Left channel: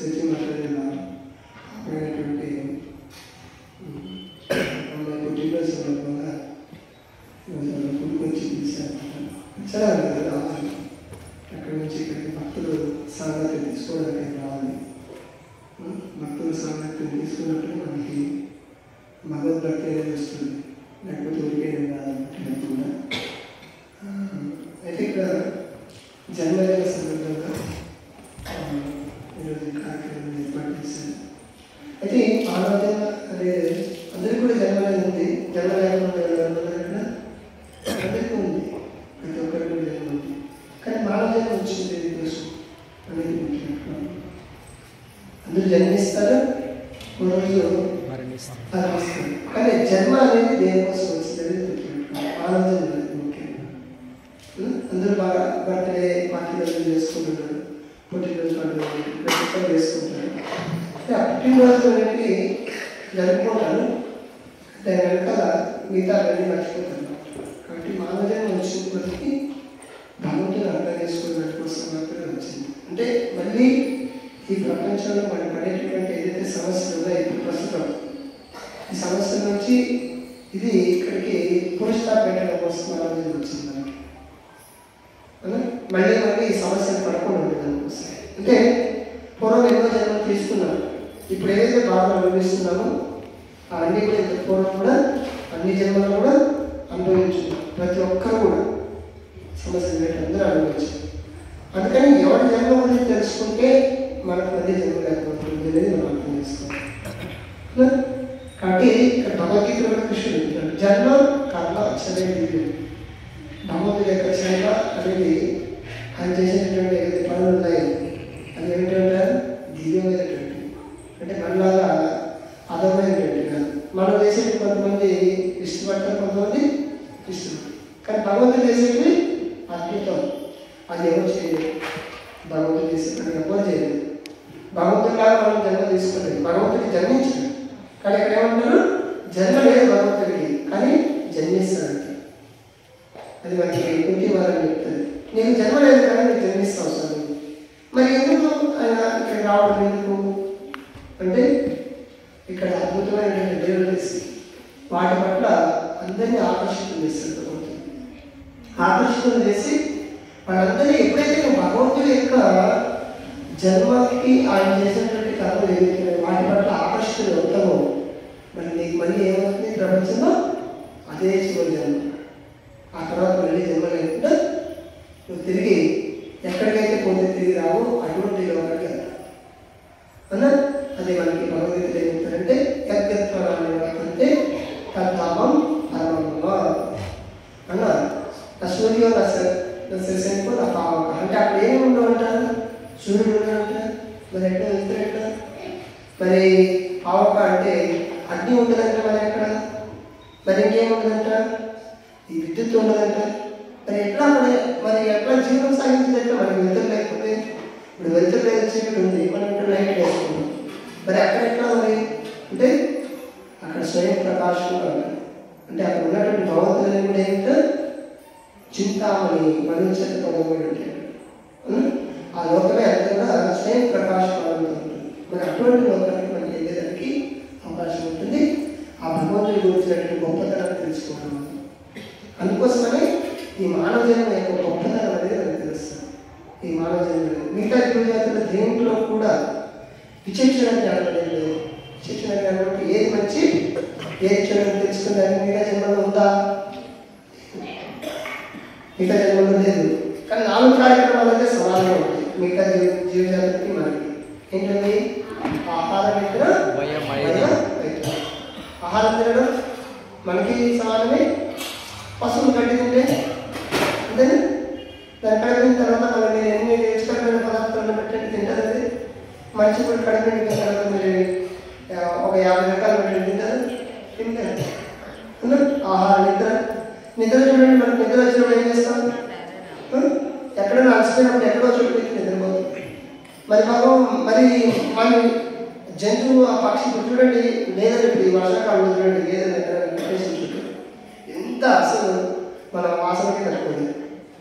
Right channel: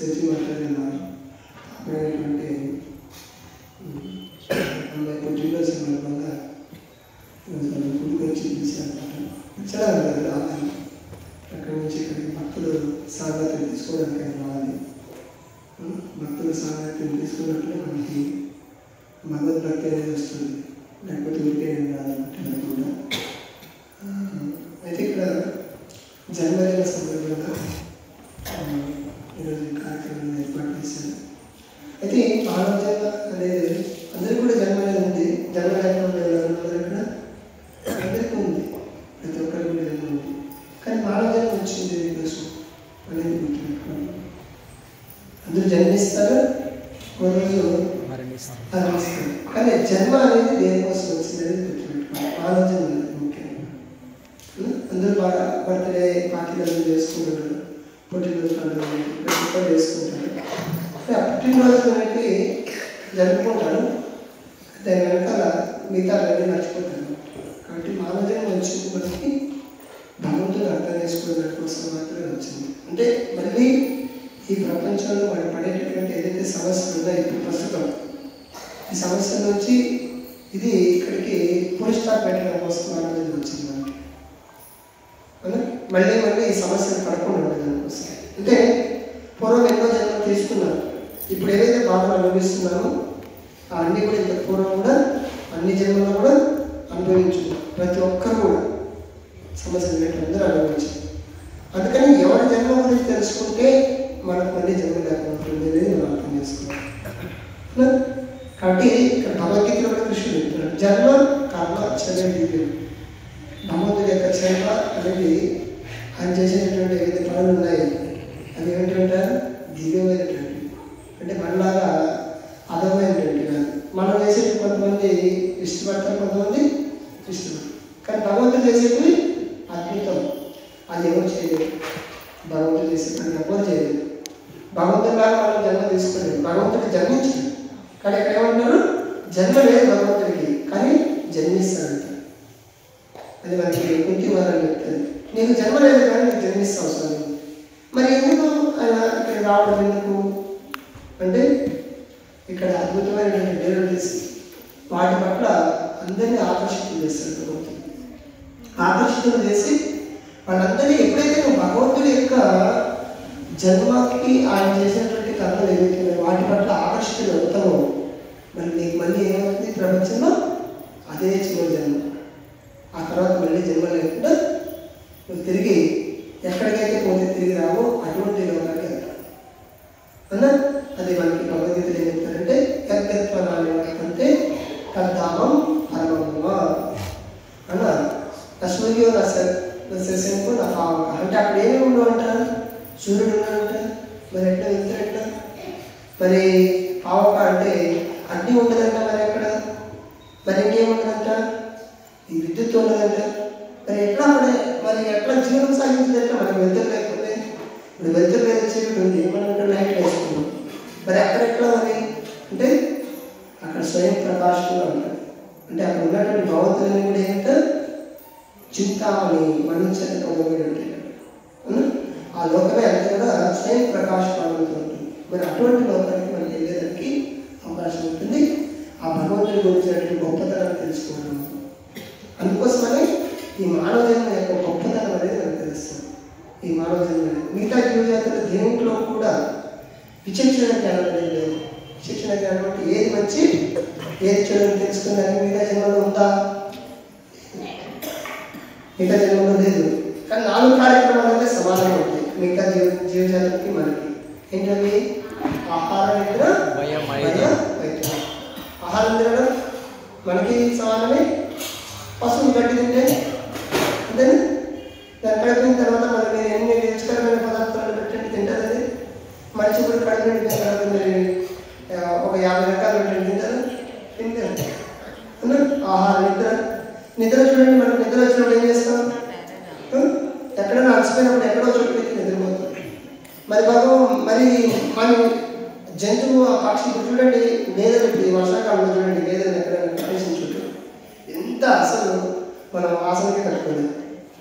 సచి మాట్లాడిన అమ్మాయి పుట్టినరోజు సందర్భంగా గుడికి వచ్చి పిలిచారన్నమాట. చాలా రావాలి, అక్కడి నుంచి ఇక్కడికి భక్తులు సాంగత్యం తీసుకోవడానికి రావాలి. భక్తుల సాంగత్యం తీసుకున్నప్పుడు మనకి భగవద్భక్తి అనేది వస్తుంది, లేకపోతే ఊరికే రాదన్నమాట కూడా. అయితే ఇక్కడ జన్మదిన సందర్భంగా ఈరోజు కార్యక్రమం ఏర్పాటు చేశారు. అయితే ఆలోచన అనేది అందరికీ కూడా జన్మదినం ఉంది. జన్మదినం అందరికీ ఉంది, ప్రతి ఒక్కరికి కూడా జన్మ ఉంది. కానీ ఆలోచన వచ్చింది కోసం అనేది గుర్తుపెట్టుకోండి. అందరూ జన్మిస్తారు, రోజు మరణిస్తారు. కానీ జన్మ అనేది దేనికోసం వచ్చింది అనేది గుర్తుపెట్టుకోండి. ఆలోచన అనేది ముఖ్యం. అందరూ బాగా బర్త్డే పార్టీలు చేసుకుంటారు, పుట్టినరోజు పండుగ ప్రతి ఒక్కరు చేసుకుంటారు. ఆ పుట్టినరోజు అనేది జరుపుకుంటారు, దాని వెనకాల మిగతా అన్నీ మర్చిపోతారు. కాబట్టి మానవజన్మ వచ్చినప్పటికీ భగవంతుని అర్థం చేసుకోవడం కోసం మాత్రమే వచ్చింది. అంటే మళ్ళీ ఈ ప్రపంచంలో మనం పడేటటువంటి ఏదైతే సమస్యలు ఉన్నాయో ఇప్పుడు ప్రస్తుతం, ఈ సమస్యల నుంచి ఇది ఇక్కడికి పురుషా పెట్టడం కోసం మానవజన్మ వచ్చింది మనకి. మళ్ళీ మళ్ళీ ఈ సమస్యలు పడకుండా ఉండడం కోసం. అంటే పూర్వం ఎన్నో జన్మలు తీసుకున్నాం, ఇప్పుడు ఏదైతే బాధలు అనుభవిస్తున్నామో అన్నీ కూడా ఇంత పూర్వం కూడా అన్ని జన్మలో కూడా అనుభవించున్నాం. ప్రతి ఒక్కరు కూడా సమస్యలు పెట్టి అందరూ అనుభవించారు. అందుకని ఎవరి జన్మ గురించి తెలుసుకుంటే మనకు మళ్ళీ జన్మ లేకపోతుంది అనేది మనం అర్థం చేసుకోవాలి. కాబట్టి ఇక్కడ భగవద్గీతలో కూడా కృష్ణుడు చెప్తాడు, జన్మ కర్మ చదివి భగవంతుడి యొక్క జన్మ అనేది ఆయన చేసేటటువంటి ఏదైతే పనులు ఉన్నాయి అది ఏమిటంటారు దివ్యమైనటువంటి, అంటే మనలాగా అధమైనటువంటి కాదు. మనం చేసేది కొంతమంది ఇష్టపడతారు, కొంతమంది ఇష్టపడతారు. కానీ భగవంతుడు చేసేది అద్భుతం, అది ఎవరు చేయలేదు. భగవంతుడు చేసే పని ఎవరు చేయలేదు. భగవంతుడిలాగా మనం జన్మ తీసుకోలేదు, భగవంతుడికి జన్మించాడు. కానీ ఇక్కడ ఏమంటారు, జన్మ లేదు భగవంతుడికి, కానీ జన్మిస్తాడంట. అది మనకి కుంటి వారని చెప్తుంది, నీకు జన్మ లేదు కానీ నీకు జన్మిస్తావు అవసరం. మరి ఎందుకు ఆయన ఇక్కడ రావడం ఎందుకు అంటే, ఇక్కడ అద్భుతమైనటువంటి దేవుడు చేసి వాటి పట్ల అందరినీ ఆకర్షితులు చేస్తాడు భగవంతుడు. ఆకర్షితులు చేసి వాళ్ళందరినీ ఎప్పుడైతే నువ్వు భగవంతుడి యొక్క జన్మకి ఆయన చేసినటువంటి కథలు ఏదైతే వాటి పట్ల ఆకర్షితులు అవుతావో మళ్ళీ నీకు మళ్ళీ ఏమవుతుంది ప్రపంచంలో అదే చివరి జన్మ. ఆ తర్వాత మళ్ళీ జన్మ లేకుండా నువ్వు తిరిగి ఎక్కడికైతే పోతే తిరిగి రావో అటువంటి లోకానికి వెళ్తావు అన్న. అది మనకి భగవద్గీతలు ఏం చెప్తారంటే యజ్ఞత్వాన్ని వర్తంతే తద్ధామం పరమమ్మ అన్న. సూర్యో నశంకు నా పావక అంటే అక్కడ ఏమి ఉండవు అంటారు, సూర్యుడు ఉన్నాడంట. మరి ఎట్లా వెళ్తారంట, మరి పావక అంటే అగ్ని ఉండదంట, మరి ఎక్కడ మరి ఇంకేముండదంట, ఈ విద్యుత్ ఉండదంట. మరి ఎట్లా మరి ఎట్లా జీవనం సాగించదంటే మనకి వెళ్తారు లేకపోతే ఇప్పుడు వెళ్తారు లేదా చీకటి ఉంది, మనం లైట్ వేసుకున్నాం. మరి అక్కడ ఎట్లా మరి అంటే అక్కడ స్వయం ప్రకాశంగా ఉంటారు. అంటే అక్కడ ఉన్నటువంటి భగవంతులని కూడా ఏంటంటే చింతామణి మరణించేది పొందబడి ఉంటాయి. ఆ లోకమే అంతా కూడా స్వయం ప్రకాశమానంతో ఉంటుంది. మరి అటువంటి లోకానికి మనం వెళ్ళేదానికి అవకాశం ఉంటుంది. ఆ భగవంతుడి గురించినటువంటి గొప్పతనాన్ని తెలుసుకోవడం. అందుకోసమని ఈ మానవ జన్మ యొక్క గొప్పతనం అనేది మనకు తెలుస్తుంది. ఈ మానవ జన్మ మిగతా జీవజాతుల దేంట్లో కూడా విచక్షణ జ్ఞానం అనేది లేదు. విచక్షణ జ్ఞానం అంటే ఏది మంచి ఏది చెడు తెలుసుకునేదానికి మిగతా జన్మలో ఉందా? మిగతా జన్మలో లేదు. కానీ 4 కార్యక్రమాలు అయితే సమానంగా ఉంటాయి మిగతా జీవజాతులకి మనకి. ఏంటంటే ఆహారం నిద్ర భయం. ఆహారం తినడం మనకి సమానమే. పశువులు గడ్డి తింటే అంతేనే, దాని కడిగిన తర్వాత మనం మీరు ఎన్ని రుచికరమైన పదార్థాలను పెట్టండి తింటారు. అది మనిషి కూడా కడిగిన తర్వాత మీరు ఒక 50 రకాలు పెట్టండి తింటారు. ఆహారం నిద్ర చూడండి. మనం నిద్ర వచ్చినప్పుడు ఏం చేస్తాం, ఎక్కడైనా అలసిపోయినప్పుడు ఎక్కడో చోటు పెట్టి నిద్రపోతాం. మరి మన జంతువు ఆ పక్షి చూడండి, లేదా ఇప్పుడు ఈ వర్షాకాలం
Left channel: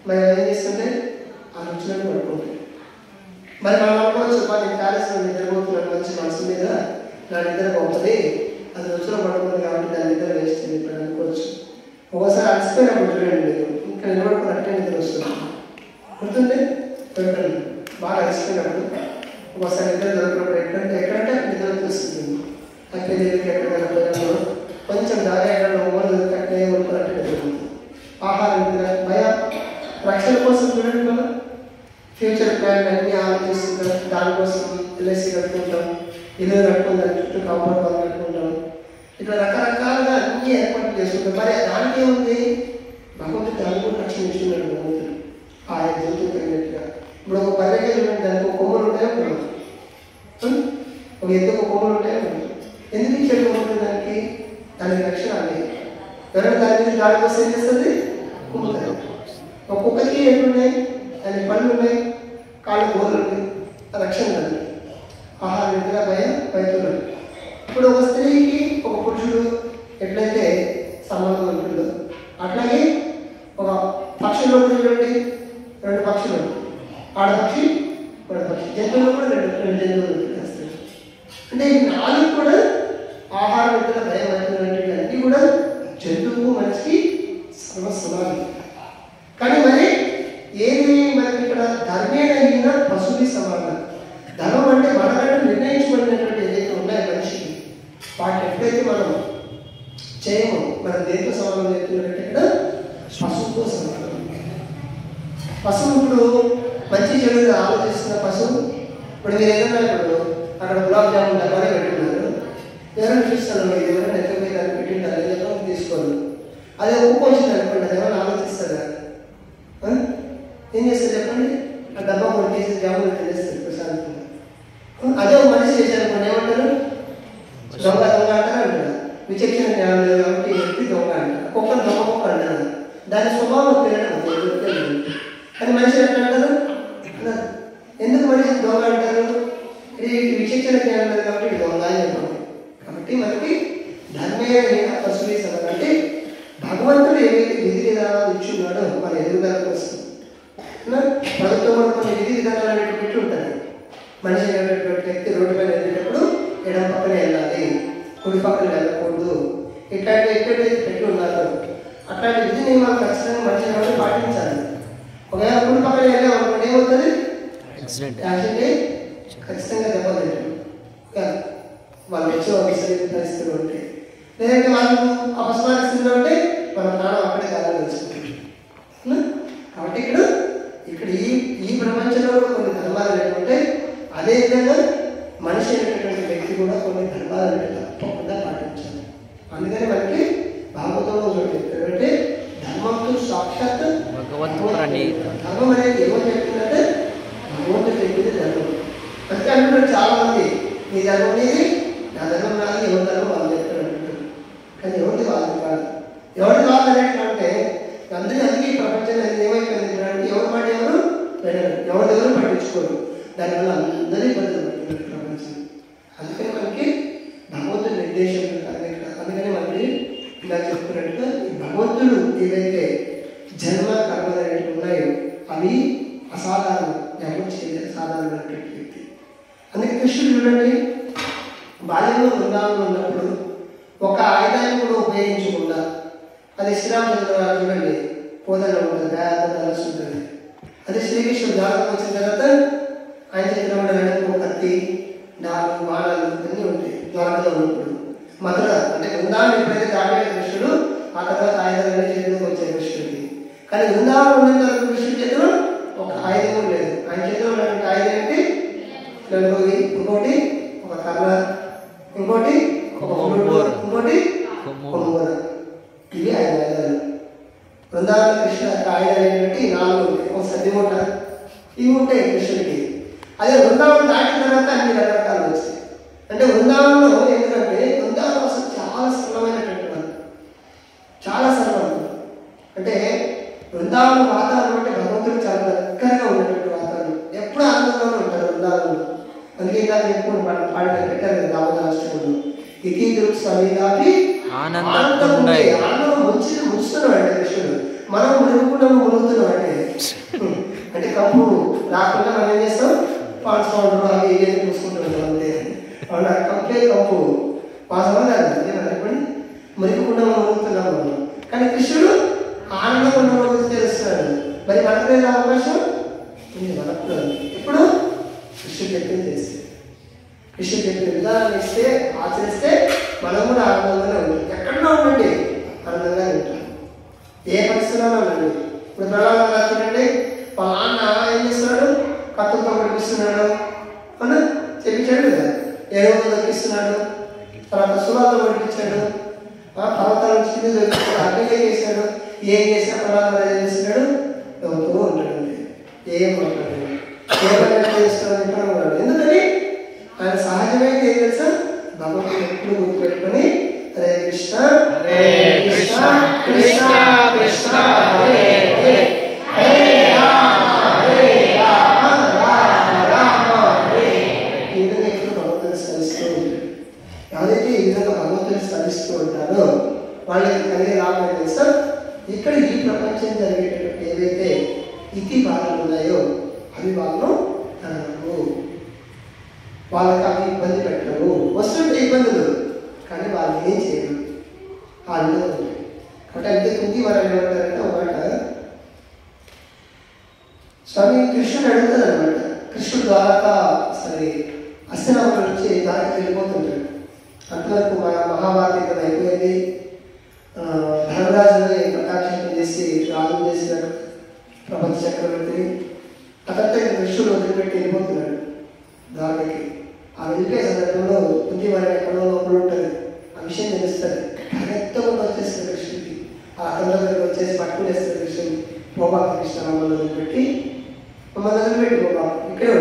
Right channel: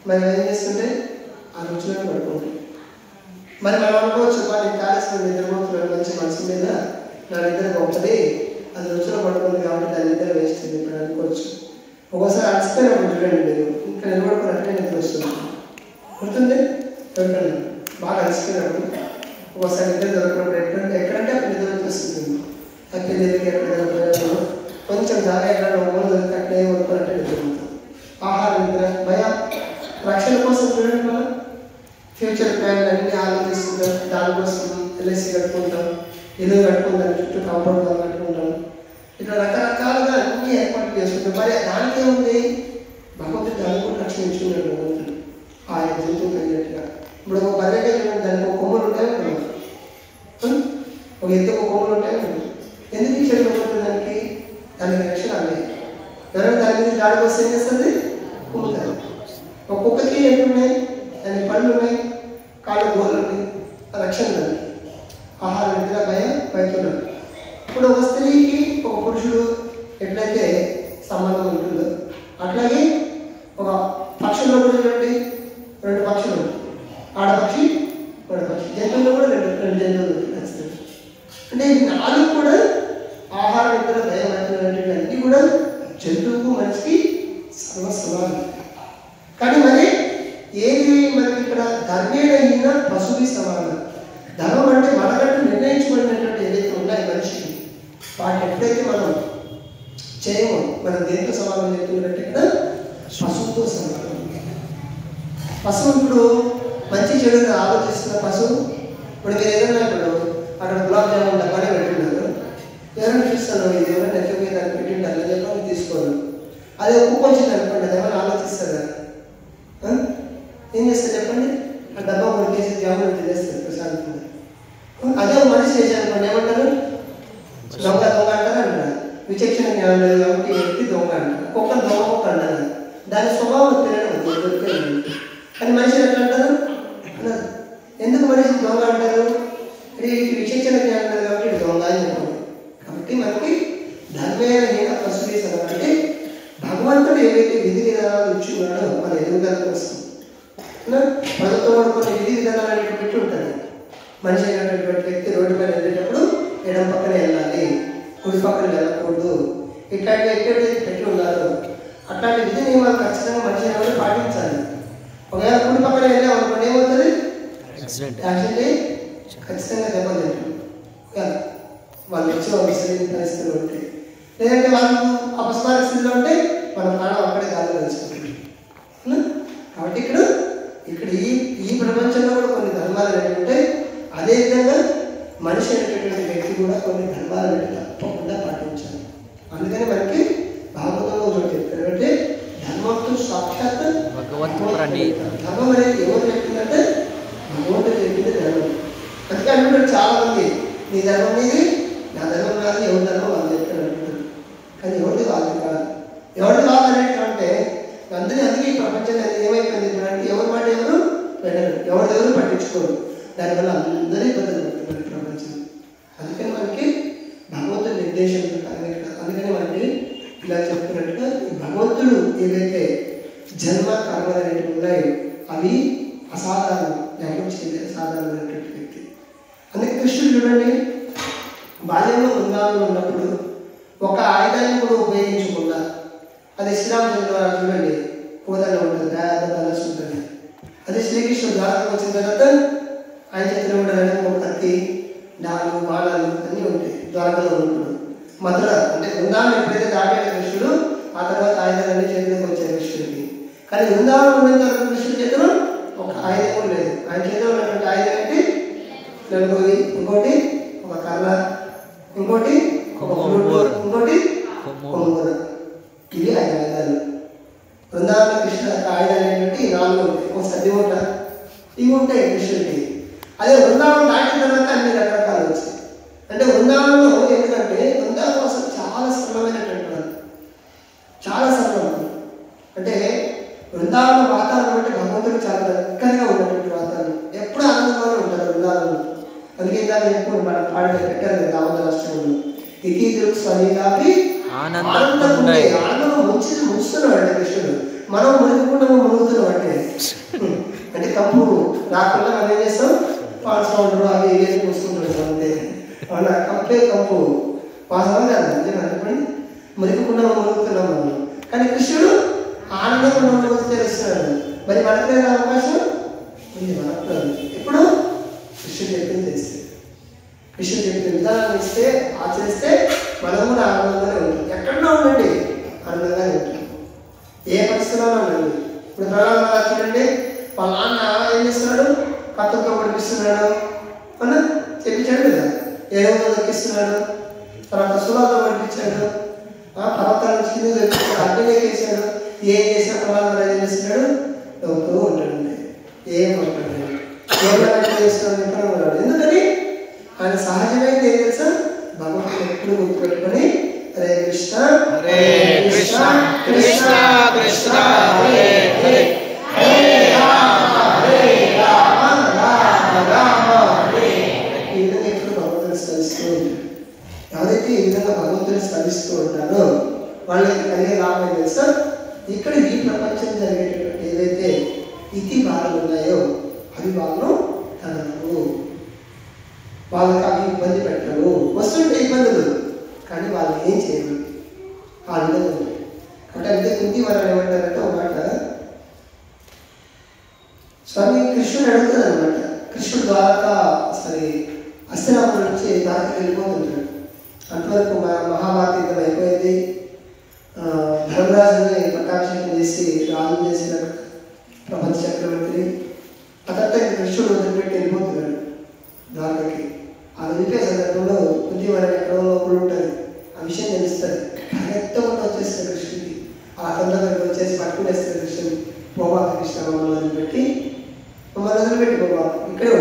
మరి ఏం చేస్తుంటే ఆ రుచులను పడుకుంటాయి. మరి మనం అనుకోవచ్చు, నేను ప్యాలెస్లో నిద్రపోతున్నాను, మంచి మనసు మీద నా నిద్ర పోతుంది, అది రుచిలో పడుతుంది కాబట్టి దాని నిద్ర వేస్తుంది ఇప్పుడు అనుకోవచ్చు. ఒకసారి అలసిపోయినప్పుడు చూడండి, మీరు ఇంకా నిలబడుకున్నట్టుగా నిద్ర వస్తుంది. గుర్తుంది? దొరకండి. బాగా అలసిపోయినప్పుడు ఒకసారి నిద్ర దొరికినప్పుడు ఎక్కడంటే అక్కడ నిద్ర వస్తుంది. అక్కడ దగ్గరికి ఎక్కడ పోయినప్పుడు కొంచెం జాగ్రత్తగా దొరికి అక్కడే కొనుక్కున్నట్టు నిద్రపోతుంది. ఆహారం, నిద్ర, భయం, రక్షణ కోసం చూడండి, మనం ఫ్యూచర్ ప్లాన్ అన్నీ ఆలోచిస్తుంటాం. దానికోసం ఎల్ఐసి కట్టుకుంటాం, ఇల్లు కట్టుకుంటాం, చుట్టూ కాంపౌండ్ వాళ్ళు కట్టుకుంటాం, ఇట్లా రకరకాలుగా అన్ని ఏర్పాట్లు చేసుకుంటాం. మరి దానికి ఏముంది? భగవంతుడు దాన్ని కూడా రక్షణ ఇచ్చుకున్నాడు. భగవంతుడు ఆయా జంతువు తగినట్టుగా. ఇప్పుడు ఒక బర్రెకే చూడండి, దానికి ఒక కొమ్మలు ఉంటాయి అనుకున్నాం, ఒక ఎత్తు ఒక కొమ్మలు ఉంటాయి అనుకున్నాం. ఎందుకు ఇచ్చాడు భగవంతుడు దానికి? దానికి రక్షణ అనేది. ఎవరైనా దాని మీద దాడి కోసం ఏం చేస్తుంది? కుమ్ముతుంది. ఒక్కొక్కరికి ఎన్నున్నాయి? దానికి పళ్ళు ఉన్నాయి, కాళ్ళ గోళ్ళు ఉన్నాయి, రక్షణ దాన్ని. ఆహారం, నిద్ర, భయం, భయతున్నాడు. ఇప్పుడు ఒక స్త్రీకి ఒక పురుషుడు ఎట్లయితే సంబంధం ఉంటుందో అట్లాగే ఒక పక్షుల్లో కూడా చూడండి, 2 పక్షులు ఉంటాయి, ఆడపక్షి మగపక్షి. జంతువులు కూడా రెండు జంతువులు ఉంటాయి. అంటే ఈ 4 కూడా ఆహారం, నిద్ర, భయం, భయతున్నాడు అన్నీ కూడా జంతువు మనిషికి సర్వసమానం. కానీ మరి ఏది మనకి ఇక్కడ ధర్మేణ పశువుకి సమానం. ధర్మం అంటే మనకంటూ నిర్ణయించబడినటువంటి ఏదైతే ఉన్నాయో మనిషికి, వాటిని ఎప్పుడైతే మనం చేయమో మనం దేంతో సమానం చెప్తున్నట్టు ఇక్కడ పశువుతో సమానం. పశువు ఇప్పుడు మంచి చెడు ఆలోచిస్తున్న పశువు. ఇప్పుడు మీరు ఏదన్నా ఇప్పుడు అక్కడ గులాబ్ జామున్ డబ్బానే పెట్టిన్నారు, ఎవరైనా చూస్తాను ఇది ఎవరైనా ఎక్కడికి దాన్ని పెట్టిండాలి అని చెప్పి తీసుకోరు. అదే ఉప్పు వచ్చింది అనుకోండి, అది ఎవరైనా ఆలోచిస్తారు కదా, ఏం చేస్తారు చెప్పండి? ఆ డబ్బా 1 కేజీ జాములు తినేస్తారు ప్రశాంతంగా. అదే మనిషి చేశారు అనుకోండి, ఏమంటారు? దొంగ దొంగ అంటారా అంటారు. విచక్షణ జ్ఞానం లేదు కాబట్టి ఎత్తి దొంగ అంటారు. కుక్కను దొంగ కుక్క అంటారు. దాని స్వభావం తినడం. కానీ మనిషి ఎట్లా అంటారు? ఎందుకు మనిషి దొంగ అంటారు? ఇది విచక్షణ జ్ఞానం లేదు కాబట్టి ఇది దొంగ అని చెప్పండి. కాబట్టి మనకి ధర్మేణ పశువు సమానం. అంటే భగవంతుడు ఏవైతే విధి విధానాలు ఇచ్చున్నాడో మన ఎదుగుదల కోసం, ప్రభుత్వం కూడా కొన్ని విధి విధానాలు అనేవి పెట్టి ఉంటుంది. మనిషి అయినటువంటి వ్యక్తి రోడ్డు మీద వెళ్ళేటప్పుడు ఎడమ పక్కన వెళ్ళాలి, కుడి పక్కన వెళ్ళకూడదు, ఇట్లాంటి ఎక్కడైతే పెట్టి ఉన్నారు అట్లాంటి విధి నియమాలు ఖచ్చితంగా మనిషి కూడా పాటించాలి. ఒకవేళ కుడి పక్కన వెళ్ళాం అనుకోండి ఏమవుతుంది? యాక్సిడెంట్ ఖచ్చితంగా దెబ్బతింటారు. వాళ్ళు వచ్చే పరిస్థితులు ఉంటాయి. లేదంటే వాళ్ళు అపస్మారక స్థితిలో ఉంటే మన ప్రాణం అక్కడే గాలి తెలుసుకుంటాం. కాబట్టి ఇక్కడ ఈ ప్రపంచంలో కూడా కొన్ని ధర్మాలు అనేవి అదేవిధంగా మనిషి అనేటటువంటి వ్యక్తి కూడా కొన్ని ధర్మాలు అనేవి తప్పకుండా పాటించాలి. అందుకని మనకి భాగవతంలో చోటు చెప్తారంటే ధర్మంతో సాక్షాత్ ధర్మం అనేది ఎవరు చెప్తుందంటే భగవంతుడు చెప్పింది ధర్మం. అందుకే అనుకుంటారు చాలా మంది, నీ ధర్మం మీది, నా ధర్మం కాదు, ఎవరి ధర్మం వాళ్ళు చెప్తారు అనుకుంటారు. కానీ ఎవరిది వాళ్ళు కాదు. ఎవరిది వాళ్ళు అనేటంటే అందుకే ఈ ప్రపంచంలో ఏమైపోయింది అంటే ఎవరి మాట ఎవరు వెళ్ళరు, ఎవరు పట్టించుకోరు. దానివల్ల అందరూ ఇబ్బందులు పడుతున్నారు ప్రపంచం. అందుకని మనకి భగవంతుడి నిర్దేశం. అందుకని మనకి ఇలా చెప్తున్నట్టుగా ఈ భగవంతుడు ఏవైతే జన్మ కర్మలు అనేవి ఉన్నాయో అవి అసాధారణం, ఎవరు చేయలేదు సాధారణమైనటువంటి వ్యక్తి. అందుకే కృష్ణుడు చూడండి, బాల్యంలో బృందావనంలో ఉన్నప్పుడు ఒక ఆయుధాన్ని కూడా ఉపయోగించకుండా, అది శ్రీరామచంద్ర చూడండి పోదన ఉంటుంది, దయాద ధనస్సు ఉంటుంది. అదే శ్రీకృష్ణుడు దాదాపు వచ్చిన తర్వాత ఆయన చేతిలో కూడా ఒక కత్తి, 4 బాణాలు అన్నీ ఉంటాయి. ద్వారకలో ఉన్నప్పుడు మధుర అంటే బృందావనం ఎప్పుడైతే దాటాడు కృష్ణుడు, ఆ తర్వాత ఆయుధాలన్నీ చేతిలోకి వచ్చాయి కృష్ణుడికి. కానీ బృందావనం ఉన్న తర్వాత కృష్ణుడి చేతిలో ఒక ఆయుధం కూడా లేదు. ఆయన చేతిలో ఉన్నటువంటి ఆయుధం ఏంటి? ఇంకోటి ఒక కర్ణ, ఇంకోటి ఒక ఇంకోటి కొమ్మూర. ఇది 5 ఆయుధాలు. బృందావన కృష్ణ ఆయుధాలు ఏంటంటే 4 ఉంటాయి. ఒక సద్ది మూట ఇవి ఉంటాయి కృష్ణుడికి. అదే బృందావనం దాటిన తర్వాత అన్ని రకరకాలు వచ్చాయి. అంటే బృందావనంలో ఎందుకంటే బృందావనం అసలు చాలా సరళమైనటువంటి వాళ్ళు, చాలా సరళం. అంటే బృందావనం వాతావరణం అంటే భగవంతుడికి చాలా దగ్గరగా ఉన్నటువంటి వాతావరణం, ఎప్పుడు ఆనందంగానే ఉంటారు బృందావనంలో. అందుకే దాన్ని ఎప్పుడు పాట పెట్టారు దావన రాష్ట్రంలో ఏకీకృత స్వనీలాపి ఆనందం ముంచుతున్నాడు కృష్ణుడు. మనం మునుగుకున్నాము మునుగుతున్నాం అంటే కంపు రాకుండా మనం ఏం చేస్తాం పాన్స్ పౌడర్ అవి ఏం చూసుకుంటాం అంతే. అవునా? కంపే కంపు వాసన అనుకోండి మునుగుకున్నాము మునుగుతున్నాము మనం. కానీ కృష్ణుడు ఆనందంగా ఉన్న తెలుస్తున్నాడు. మరి మనకు అవకాశం ఉంది, మనకు ఎప్పుడు కృష్ణుడు చెప్పింది చేస్తే, కృష్ణుడు చెప్పిన విధానాన్ని ఇస్తే ఆచరిస్తే మనం కూడా ఆనందంగానే ఉంటాం. ఎక్కడన్నా ఉండండి ఆనందంగానే ఉంటాం, ఏ పరిస్థితిలో ఉండండి. ఇప్పుడు ప్రధానంగా చూడండి, వాళ్ళ నాన్న ఏం చేస్తున్నాడు, కత్తులతో పడిపిస్తున్నాడు అని చెప్పించాడు కదా, ఎరువులు దక్కిస్తున్నాడు, తర్వాత సులాతో పడిపించాడు, పర్వతాల నుంచి కింద దొరికించాడు, అగ్నిలో చేశాడు. ఏం చేసినా ప్రధానంగా ఏం చేస్తున్నాడు, నవ్వుతూ ఉంటాడండి, ఏం మాట్లాడాడు, ఏమైనా చేస్తున్నాడు. ఎందుకని ఆయన సహజమైనది ఏం తెలుసా, భగవంతుడు ఎప్పుడు గుర్తుపెట్టుకొని హరే కృష్ణ హరే కృష్ణ కృష్ణ కృష్ణ హరే హరే హరే రామ రామ రామ హరే. ఈ విధంగా ఎప్పుడు భగవంతుని స్మరిస్తూ ఉంటారు. ఎవరైతే ఈ విధంగా భగవంతుని స్మరిస్తూ ఉంటారో వాళ్ళకి కలిగే లాభం తెలుసా, ఇక్కడ ఈ ప్రపంచం జరిగేటటువంటి ఏవైతే ఇతి బాధలు ఉన్నాయో అవి వాళ్ళు అనరు, వాళ్ళకి అవి ఇబ్బంది పెట్టరు. వస్తుంటే ఇబ్బందులు కానీ వాళ్ళు ఏం చేయరు, ఆ విధంగా ఉంటాయి. అంటే అంటే కుంతి వారు ఏమంటారంటే ఒక మాట, స్వామి కృష్ణుడు అడుగుతుంది అనమాట. కృష్ణుడు ద్వారకా సరే హస్తినాపురం నుంచి దానికి వెళ్ళిపోతుంటాడు. అంతవరకు మహాభారత యుద్ధం అయిపోయింది. ధర్మరాజుని పట్టాభిషేకం చేసి రాజు చేసిన ప్రపంచ చక్రవర్తిని అతనితో కృష్ణుడు వదిలిపెట్టి వెళ్ళిపోతున్నాడు ద్వారకకి. ఆ వెళ్ళిపోయే సందర్భంలో కుంతి వారి ఎక్కడో లోపల ఉంటుంది, ఆ విషయం తెలుస్తుంది. ఎంతమంది వచ్చేస్తుంది కృష్ణుడికి, ఆ అతని దగ్గరికి వచ్చేసి పట్టుకునేస్తుంది కృష్ణుడు. పోబా కృష్ణ మమ్మల్ని వదిలిపెట్టి పోబా, ఇక్కడే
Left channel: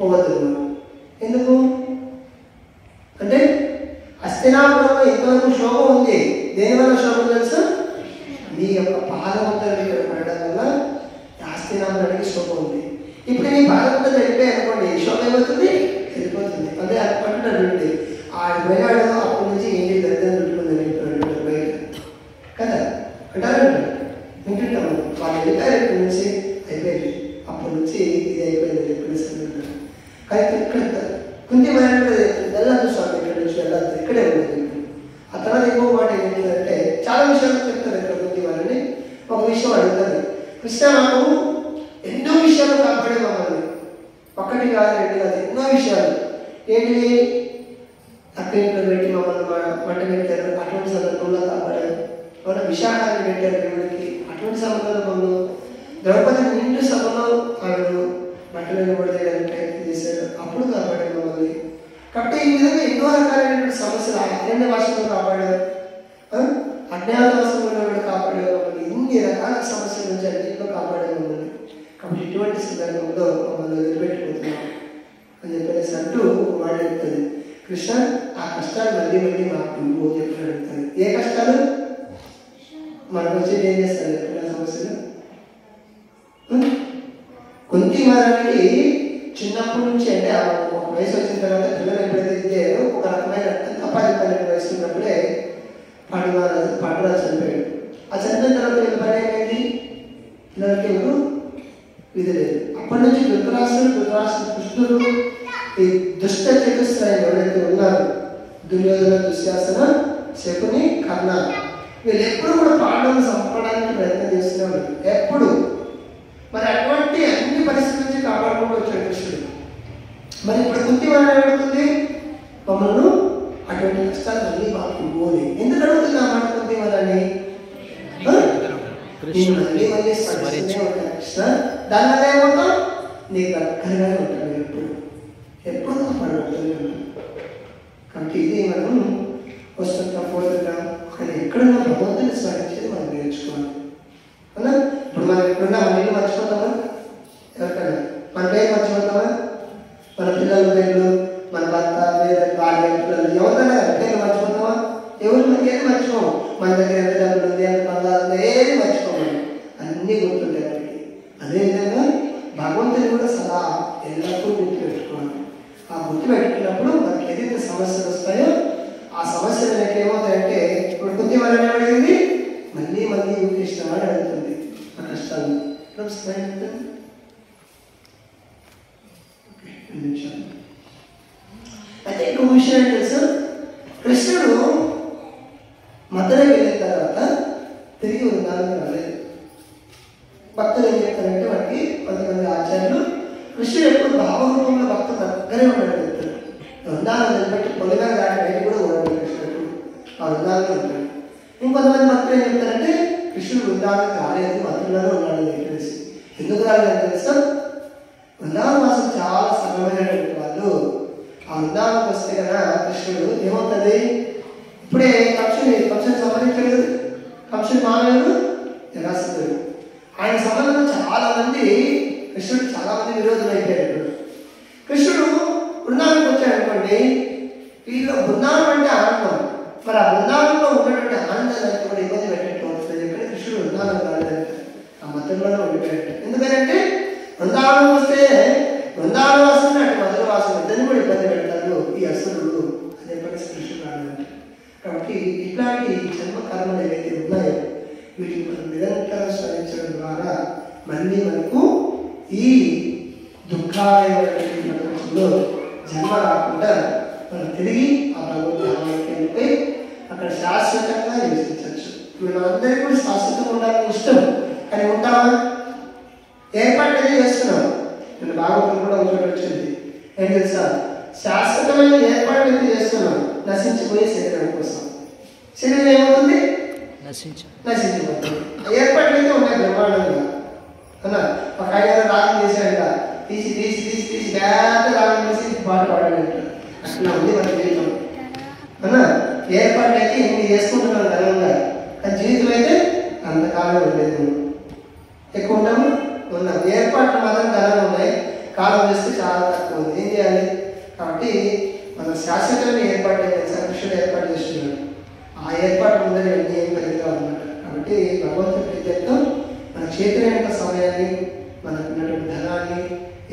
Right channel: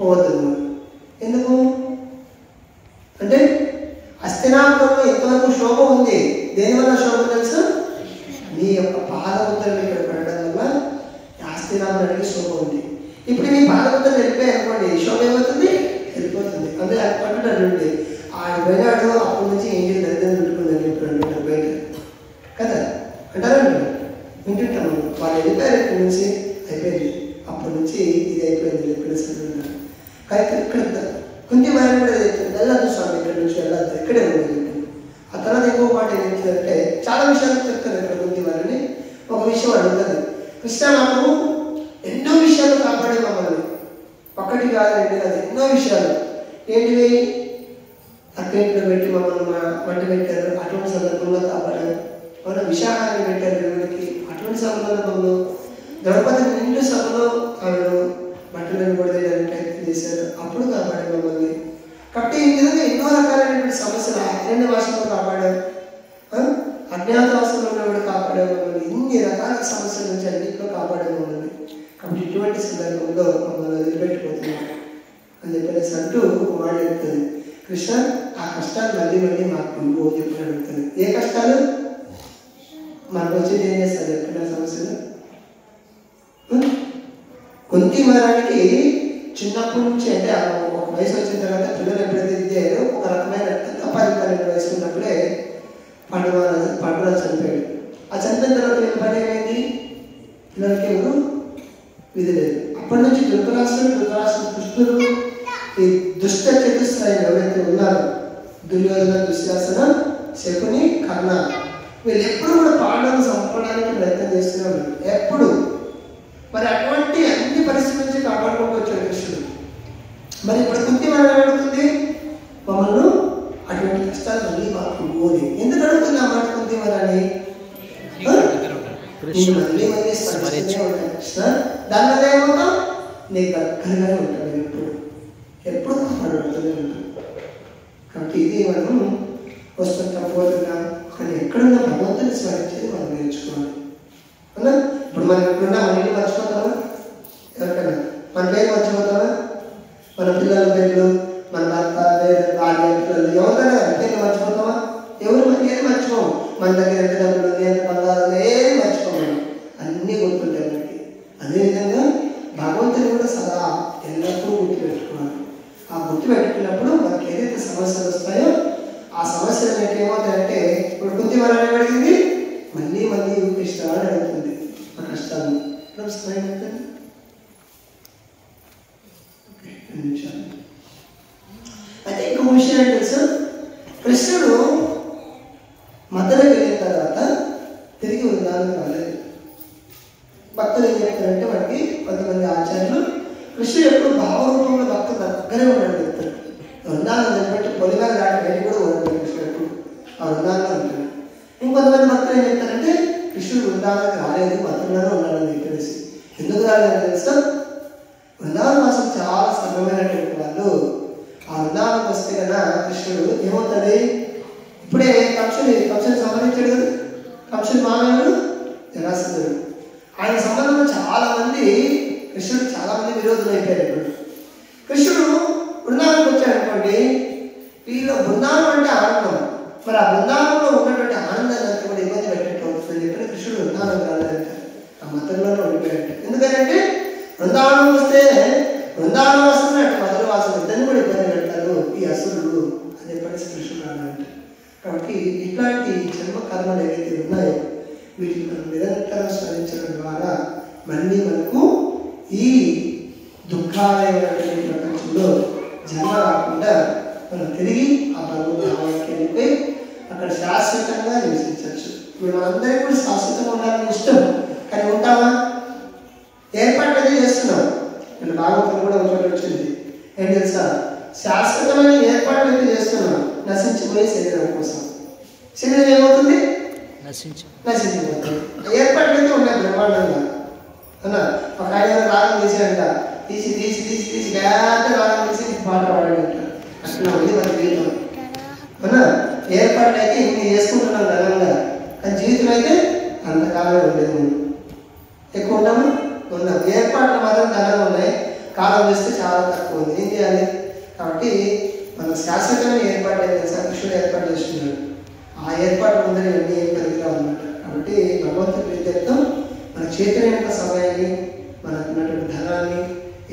పోవద్దు. ఎందుకు అంటే హస్తినాపురంలో ఎంతవరకు శోభ ఉంది. దేనివల్ల శోభ తెలుసు, మీ యొక్క పాదముద్రలు ఇక్కడ పడడం వల్ల హస్తినాపురానికి శోభ ఉంది. ఇప్పుడు మీ పాదముద్రలు వెళ్ళిపోయి అనుకోండి, శోభ ఏమవుతుంది, వెళ్ళిపోతుంది. అంటే అది పట్టుకుంటాడు, ఆయన పోయినాడు అప్పటి నుంచి ఏంటి దరిద్రం చుట్టుకుందని బయట కదా అంటారండి, వింటుంటాము. వాళ్ళు వెళ్ళిపోయారు ఇక్కడి నుంచి, అయిపోయింది అప్పటి నుంచి ఇది అయిపోయింది చెప్పిన. అయితే ఇక్కడ కుంతి వారి వెళ్ళద్దు స్వామి, ఇక్కడ నుంచి వెళ్ళద్దు, ఇక్కడే ఉండదు. ఆ తర్వాత ఎక్కువ మాట ఏంటంటే చాలా విషయాలు చెప్తారు ఇక్కడ కుంతి వారిని. ఒక విషయం అడుగుతుంది, కృష్ణ మాకు ఎన్నో విషయాలు కాపాడే మమ్మల్ని, ఒక్కటి కాదు రెండు కాదు ఎన్నో విషయాలు. ఏంటివి, అక్కడింట్లో పెట్టి మమ్మల్ని వంట పెట్టారు, అటువంటి సందర్భంలో కాపాడారు. మన విశాఖాన్ని పెట్టారు దేవుడికి, అటువంటి సందర్భంలో ద్రౌపది నిండు సభలో ఆమెను బట్టలను కొడదేయడానికి ప్రయత్నం చేశారు, అప్పుడు కాపాడారు మమ్మల్ని. కాబట్టి ఈ విధంగా ఎన్నో రకాలైనటువంటి సమస్యలు అరణ్యవాసంలో కాపాడారు, అజ్ఞాతవాసంలో కూడా కాపాడారు మమ్మల్ని, ఇన్ని రకాల సమస్యల నుంచి అన్నింటిలో కాపాడారు మమ్మల్ని. కాబట్టి ఇటువంటి సందర్భంలో మమ్మల్ని వదిలిపెట్టుకుంటున్నాం అని చెప్పేసి అంటూ మాట చెప్తుంది. కృష్ణ ఆ కష్టాలు మళ్ళీ మళ్ళీ మాకు ఓ చెప్పి అడుగుతుంది. ఏ కష్టాలు మనకు వచ్చేది ఏం చేస్తారు ఎప్పుడు సమస్యలు. కుంతి మహారానికి చిన్నప్పటి నుంచి అంటే ఒక వయసు వచ్చిన తర్వాత పిల్లలు ఎప్పుడైతే ఇద్దారో ఒక రకమైన 12 వయసు ఉన్నప్పుడే పాండురాజు చనిపోయాడు. ఆ చనిపోయిన తర్వాత వీళ్ళ పని ఏమైంది, పిల్లలకి ఎవరు విధి లేదు. అప్పటి నుంచి ధృతరాష్ట్రుడు కృష్ణుడు ఈ దుష్ట చతుస్త్రాయం ఎవరైతే ఉన్నారో దుర్యోధన దుశ్శాసన శకుని కర్ణ, వీళ్ళు ఎప్పుడు కూడా పాండవులను చంపడానికి ప్రయత్నం చేస్తున్నారు ఎప్పుడు. మరి అటువంటి అన్ని పరిస్థితుల నుంచి కాపాడుకుంటూ వచ్చాడు కృష్ణుడు. మరి ఇప్పుడు కుంతి వారు అడుగుతుంది, మమ్మల్ని అటువంటి కష్టాలు మళ్ళీ మాకు పోని. ఎందుకు అడుగుతుంది ఆ మాట కుంతి వారని, నేను మళ్ళీ మళ్ళీ స్మరిస్తూనే ఉంటాను కృష్ణ, దానివల్ల ఏమవుతాం, నీకు దగ్గరగానే ఉంటాను, ఎప్పుడు కాపాడుతూనే ఉంటాను. కాబట్టి ఇది మనం వస్తుంటాం పోతుంటాం, కానీ ఎక్కడన్నా భగవంతుని స్మరించేది మనం నేర్చుకోవాలి. అవునా? ఇప్పుడు మనం ఎప్పుడున్నా మన ఇల్లు మర్చిపోతామా, ఎవరికైనా మన పేరు మర్చిపోతామా, మన పిల్లల పేర్లు, మన భర్త భార్య పిల్లలు ఎవరైనా పేరు మర్చిపోతామా, ఎవరు ఏది మర్చిపోము. మన దగ్గర ఎంత డబ్బులు ఉంది, ఎంత బంగారం ఏది మర్చిపోము, అన్నీ గుర్తుంటాయి మనకి. అదేవిధంగా భగవంతుని కూడా సదా ఎల్లప్పుడూ గుర్తుపెట్టుకోవాలి. ఆ గుర్తుపెట్టుకున్నప్పుడు మనకి ఏదైతే సమస్యలు వస్తాయో ఆ సమస్యలు మీకు ఏమవుతాయంటే, ఇప్పుడు కుంతి వారు ఏమడిగింది, మళ్ళీ మళ్ళీ కృష్ణ అని అడుగుతుంది. టైం ఎంత? నిమిషాలు. అయితే ఇంకొక విషయం ఏంటి తెలుసు, కృష్ణుడు మధురకి వెళ్ళిన తర్వాత తిరిగి వృందావనం రాలేదు. భక్తులు ఏం చెప్తారంటే మనకి కొంతమంది ఆచార్యులు కృష్ణుడు ఎప్పుడు భావరూపంలో భక్తుల దగ్గరే ఉన్నాడు చెప్తారు. వృందావనం నిలబెట్టి పొలిగా దాటి బయట కూడా ఉన్నాడు కృష్ణుడు, ఆ వృందావనం ఉంటాడు. ఇంకొంతమంది భక్తులు ఏం చెప్తారంటే కృష్ణుడు వృందావనం రాలేదు, మధురలోనే ఉన్నాడని తెలిసి. ఎందుకు రాలేదని తెలుసా? వృందావన వాసం చాలా సరళమైనటువంటి వాళ్ళు. ఆ వృందావనం వస్తే కదా కృష్ణుడు ఏమవుతుంది, ఇప్పుడే కంసుని సంహరించాడు కదా, కంసుని మామయ్యుడు జరాసంధుడు. ఆయన సమయంలో చాలా మంది కృష్ణుడు చాలా మంది విరోధులు అయిపోయారు. కృష్ణుడు బృందావనం వచ్చాడు అనుకోండి, వీళ్ళు బృందావనం అంటే ఆనందం, మరి ఆ బృందావనంలో ఉన్నటువంటి ఆనందాన్ని కూడా ఇబ్బంది పెట్టేట్టు అవుతుంది. ఇక్కడ కృష్ణుడు బృందావనం కాలేదంట, ఆ మతంలోనే ఉండిపోయాడు. ఎందుకంటే బృందావనం వస్తే బృందావన వాసం అటు మధుర వాసం ఇద్దరిని కూడా ఇబ్బంది పెడతారు ఈ అసురులు అని చెప్పేసి కృష్ణుడు రాలేదంట. కాబట్టి ఇట్లాంటి జన్మ కర్మలు ఏవైతే ఉన్నాయో వీటిని మనం నిరంతరం స్మరించడం ద్వారా మళ్ళీ మనకు ఈ దుఃఖాలైనటువంటి ప్రపంచంలో జన్మ రాకుండా మనం తిరిగి ఆ భగవద్ధామానికి వెళ్ళిపోయి అక్కడ శాశ్వతంగా నివసించవచ్చు. ఇప్పుడు మనందరికీ కూడా శాశ్వతంగా ఉండాలని ఇష్టం, కానీ ఉంటామా? ఏర్పాటు అయితే చేస్తున్నాం. నేను భాగవతం కూడా ఒకటి వచ్చింది ఏం తెలుసా, శాశ్వతమైన ఏర్పాటు అయితే చేస్తున్నాం నశించిపోయే శరీరం కోసం. శరీరం ఏమవుతుంది? నశించిపోతుంది. ఏర్పాట్లు అయితే ఉన్నాయి బ్రహ్మాండంగా అలా. ఒక ఆయన రాగం తీసాడంట, తీసి తీసి తీసి తీసి పెద్ద రాగం తీసి పాట పాడాడంట. అట్లా ఉంది మన జీవితం అన్నా. ఏర్పాట్లు అయితే ఇన్ని చేసుకుంటున్నాం ఘనంగా, కానీ జీవితం అయితే అంతకాలం ఉండేది. మనం ఎక్కువ ఉన్నాము ఉన్నాం. ఏర్పాట్లు మాత్రం ఘనంగా ఉన్నాయి, కాలం వేస్తే చాలా తక్కువ ఉంది. ఏం చేయాలి? కాబట్టి మనం శాశ్వతమైన ఏర్పాటు కృష్ణుడు ఏర్పాటు చేస్తున్నాడు. ఆ ఏర్పాటు ముందర అన్ని ఏం పెరిగిగా ఉన్నట్టు. కాబట్టి భగవంతుడి ప్రీత్యర్థం మన చేతులైన సమయాన్ని, మనకు ఉన్నటువంటి ధనాన్ని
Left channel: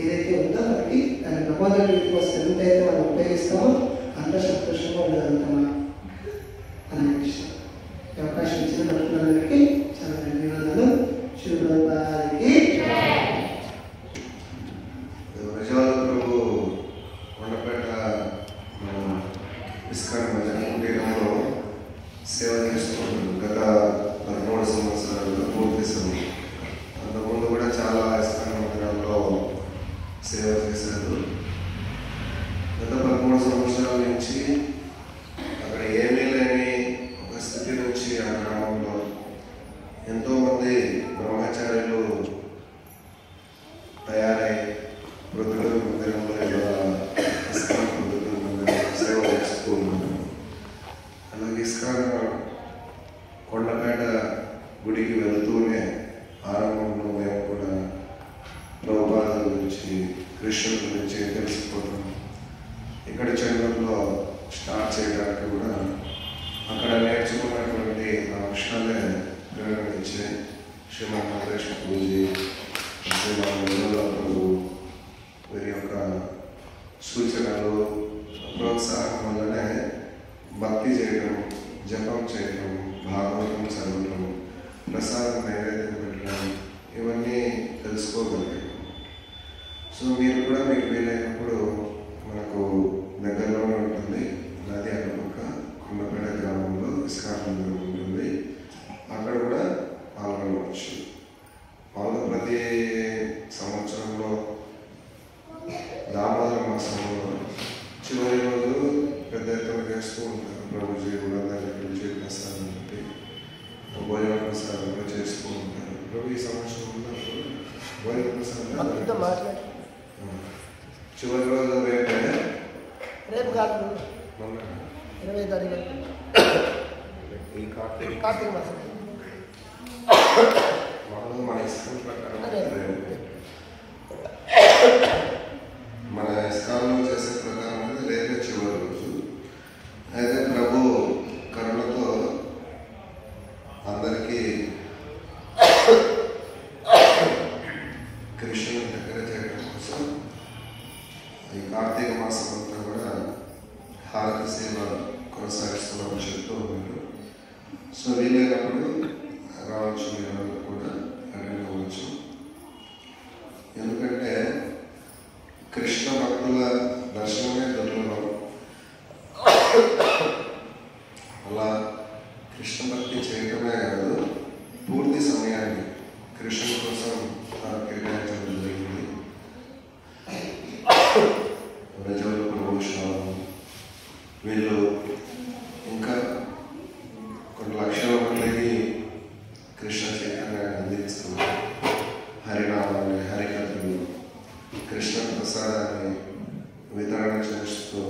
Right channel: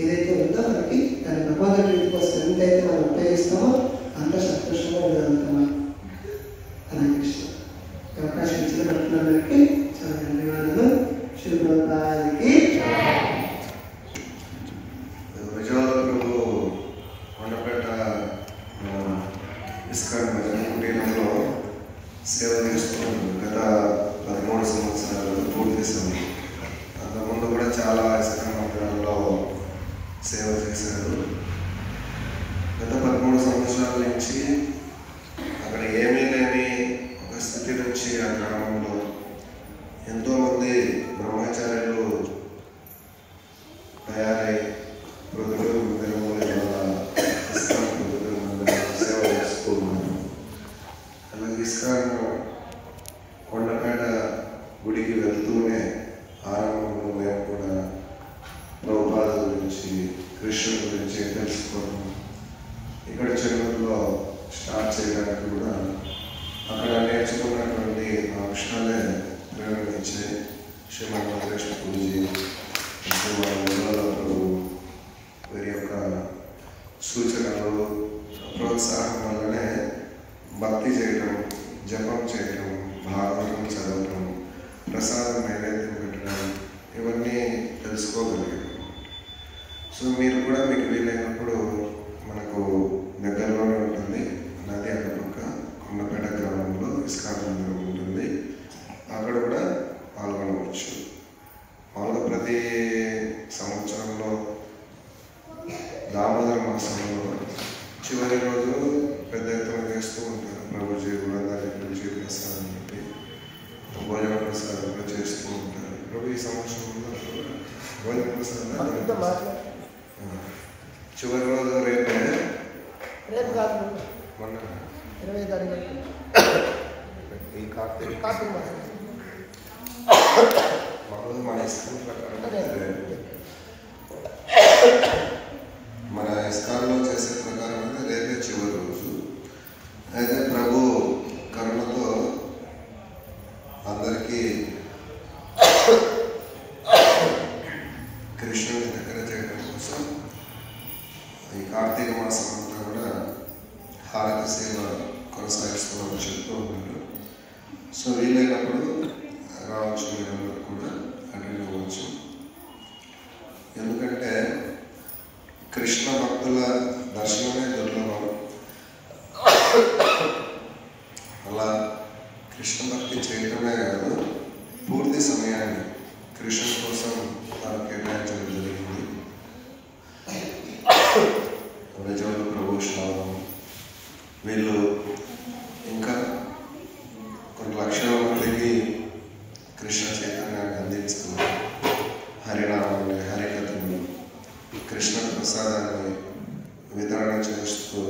ఏదైతే ఉందో మనకి దాన్ని భగవంతుడి ప్రీతి కోసం ఎంతైతే మనం ఉపయోగిస్తామో అంత సంతోషంగా ఉండగలుగుతాం. హరే కృష్ణ. అవకాశం ఇచ్చిన భక్తులందరికీ చాలా ధన్యవాదాలు. శుభ్రతానికి సేవ చేస్తున్నాడు. గత 13 సంవత్సరాలు పూర్తి చేశాను. అంతకుముందు కూడా చాలా ఇస్కాన్ మందిరాల్లో సేవ చేశారు. గత 13 సంవత్సరాల నుంచి అక్కడ ఏమీ లేని ఒక స్థితి నుంచి ఆ గ్రామంలో ఎంతోమంది బ్రహ్మచారులు తయారై ప్రొద్దుటూరు మందిరంలో ఇస్కాన్ ప్రొద్దుటూరు మందిరం సేవ చేస్తూ ఉన్నారు. అలాగే ఇస్కాన్ కొండపేట గుడికి వెళ్తూనే ఆరంభంలో మేము కూడా ప్రభుపాదుల గురించి, కృష్ణుడి గురించి తెలుసుకోవడం, ఇక్కడ చెన్నూరులో స్టార్ట్ చేయడానికి కూడా అక్కడ నేర్చుకున్నటువంటి అంశాలే ప్రేరణ ఇచ్చే శ్రీమన్ వెంకటేశ్వర పూజీ, శ్రీమన్ ప్రభు వీరి యొక్క సూచనలు, ప్రోత్సాహం వల్లనే భక్తి చేయడం, జపం చేయడం, భాగవతం చదవడం, ప్రసాదం నైవేద్యం పెట్టడం, ఇవన్నీ తెలుసుకోగలిగాం. సో మీరు కూడా మీకు వీలైనప్పుడు మనకు దగ్గరలోనే ఉంటుంది నది అటుపక్క కొండపేట గ్రామంలో ఇస్కాన్ మందిరం ఉంటుంది. అక్కడ కూడా పాల్గొనవచ్చు. మామూలుగా ప్రతి సంవత్సరంలో దామోదర మాసంలో చివరి రోజు పెద్ద ఎత్తున చేస్తూ ఉంటారు. ప్రభుజీ కూడా దాన్ని పిలిచి ప్రసాదం పెట్టి భోజన ప్రసాదం కూడా చేస్తూ ఉంటారు. ప్రభు ఈ సంవత్సరంలో భోజన ప్రసాదం చివరి రోజు రేపు కాదు మొన్న 20వ తారీఖు ఈ కార్తీక మాసం మామూలుగా మన ఇస్కాన్ ప్రకారం మన ఇస్కాన్లో చేసే ప్రకారం అయితే రేపే చివరి రోజు. అయితే ప్రభు కరుణతో అందరికీ కృష్ణుని దగ్గర చేయడం కోసం ఈ కార్తీక మాసం అంతా కూడా హారతి సేవ కొనసాగిస్తామని చెప్తూ ఉన్నారు. సో వీలైనప్పుడు రావచ్చు, మీరు కూడా అటెండ్ అవ్వచ్చు. కృష్ణ భక్తి చేయడమే కాదు, పూర్తి సమయాన్ని కృష్ణ కోసం కేటాయించడం జరిగింది. నిజంలో ప్రభు శ్రావణం వీళ్ళు ఇంకా కొన్ని లక్షల మందికి కృష్ణ చైతన్యాన్ని అందిస్తూ హరినామాన్ని, హరికథలు, కృష్ణ ప్రసాదాన్ని వితరణ చేస్తూ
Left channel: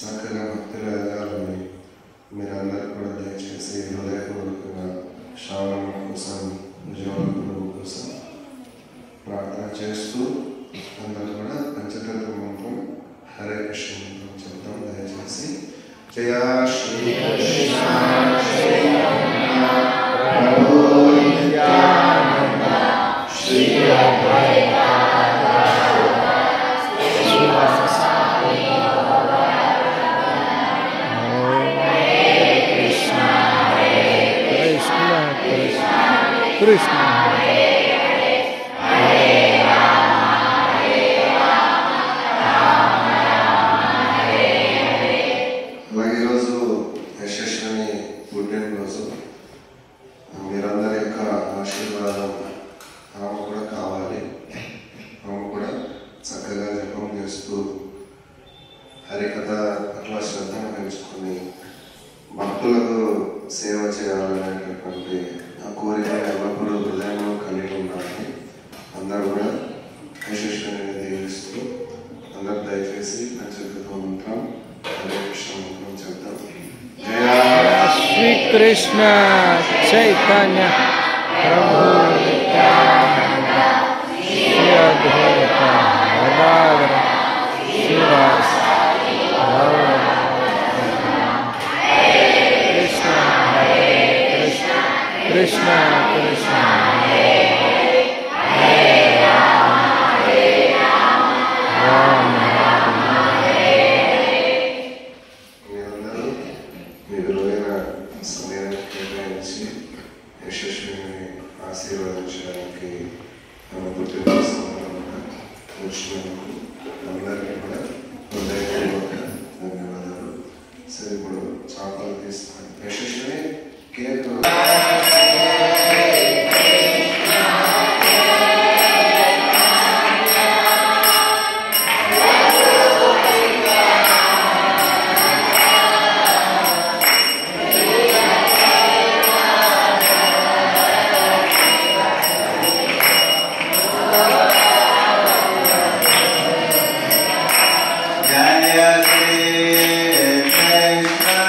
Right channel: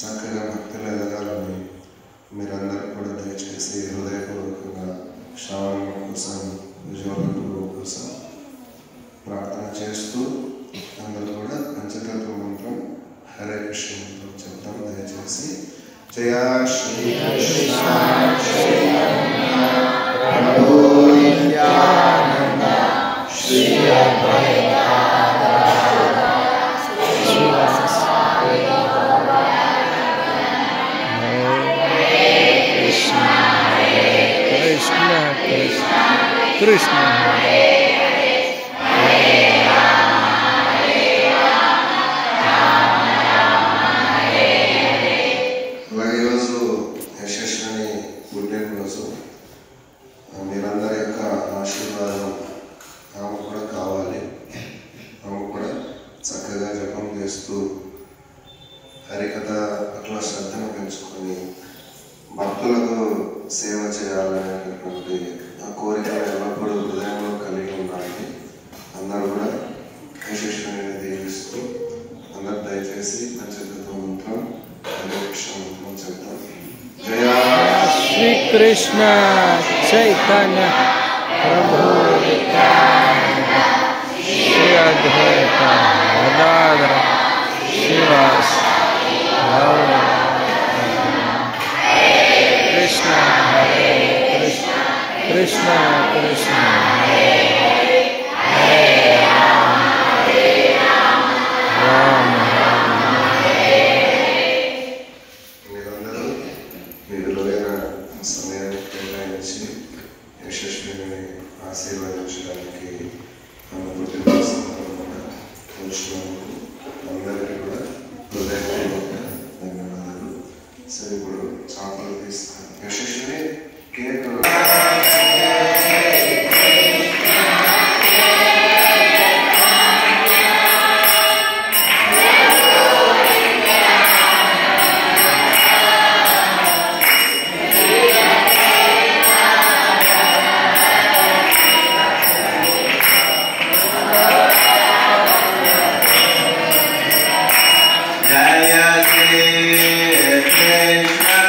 చక్కగా భక్తులు ఎదగాలని మీరందరూ కూడా దయచేసి హృదయపూర్వకంగా శ్రావణం కోసం, విజయవాడ గురువు కోసం ప్రార్థన చేస్తూ అందరూ కూడా పంచతత్వ మంత్రం హరే కృష్ణ మంత్రం చెప్తాం. దయచేసి జయ శ్రీ కృష్ణ చైతన్య ప్రభు నిత్యానంద శ్రీ అద్వైత శ్రీవాసాది కృష్ణ అలాగే ఈరోజు యశస్విని పుట్టినరోజు. మీరందరి యొక్క ఆశీర్వాదం ఆమె కూడా కావాలి. ఆమె కూడా చక్కగా జపం చేస్తూ హరికథ పట్ల శ్రద్ధను పెంచుకొని భక్తులకు సేవ చేయాలనేటటువంటి ఆ కోరిక ఎల్లప్పుడూ హృదయంలో కలిగి ఉండాలి. అందరూ కూడా యశస్విని దీవిస్తూ అందరూ దయచేసి పంచతత్వ మంత్రం హరే కృష్ణ మంత్రం చెప్తాం. జయ శ్రీ కృష్ణ చైతన్య ప్రభు నిత్యానంద శ్రీ అద్వైత గదాధర శ్రీవాస కృష్ణ హరే కృష్ణ కృష్ణ కృష్ణ హరే హరే రామ మీరందరూ మీ విలువైన సమయాన్ని కేటాయించి యశస్విని ఆశీర్వదించడానికి ఆమె పుట్టినరోజు సందర్భంగా వచ్చినందుకు అందరికీ కూడా హృదయపూర్వక ధన్యవాదాలు. సరే, ఇప్పుడు చాపాలు తీస్తాను. యశస్విని కేక్ Jaya Shri Krishna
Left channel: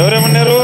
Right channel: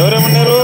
ఎవరేమన్నారు?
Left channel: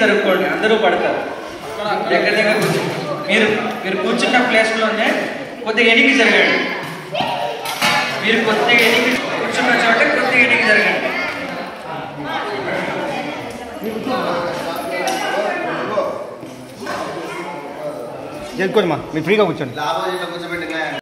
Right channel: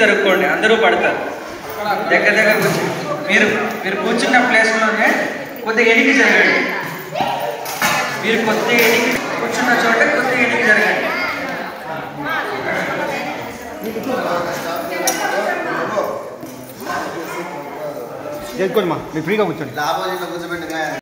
జరుపుకోండి, అందరూ పడతారు. దగ్గర దగ్గర మీరు కూర్చున్న ప్లేస్లోనే కొద్దిగా ఎన్నిక జరగండి. మీరు కొద్దిగా ఎన్నిక కూర్చున్న చోట కొద్దిగా ఎన్నిక జరగండి. కూర్చోండి, మీరు ఫ్రీగా కూర్చోండి.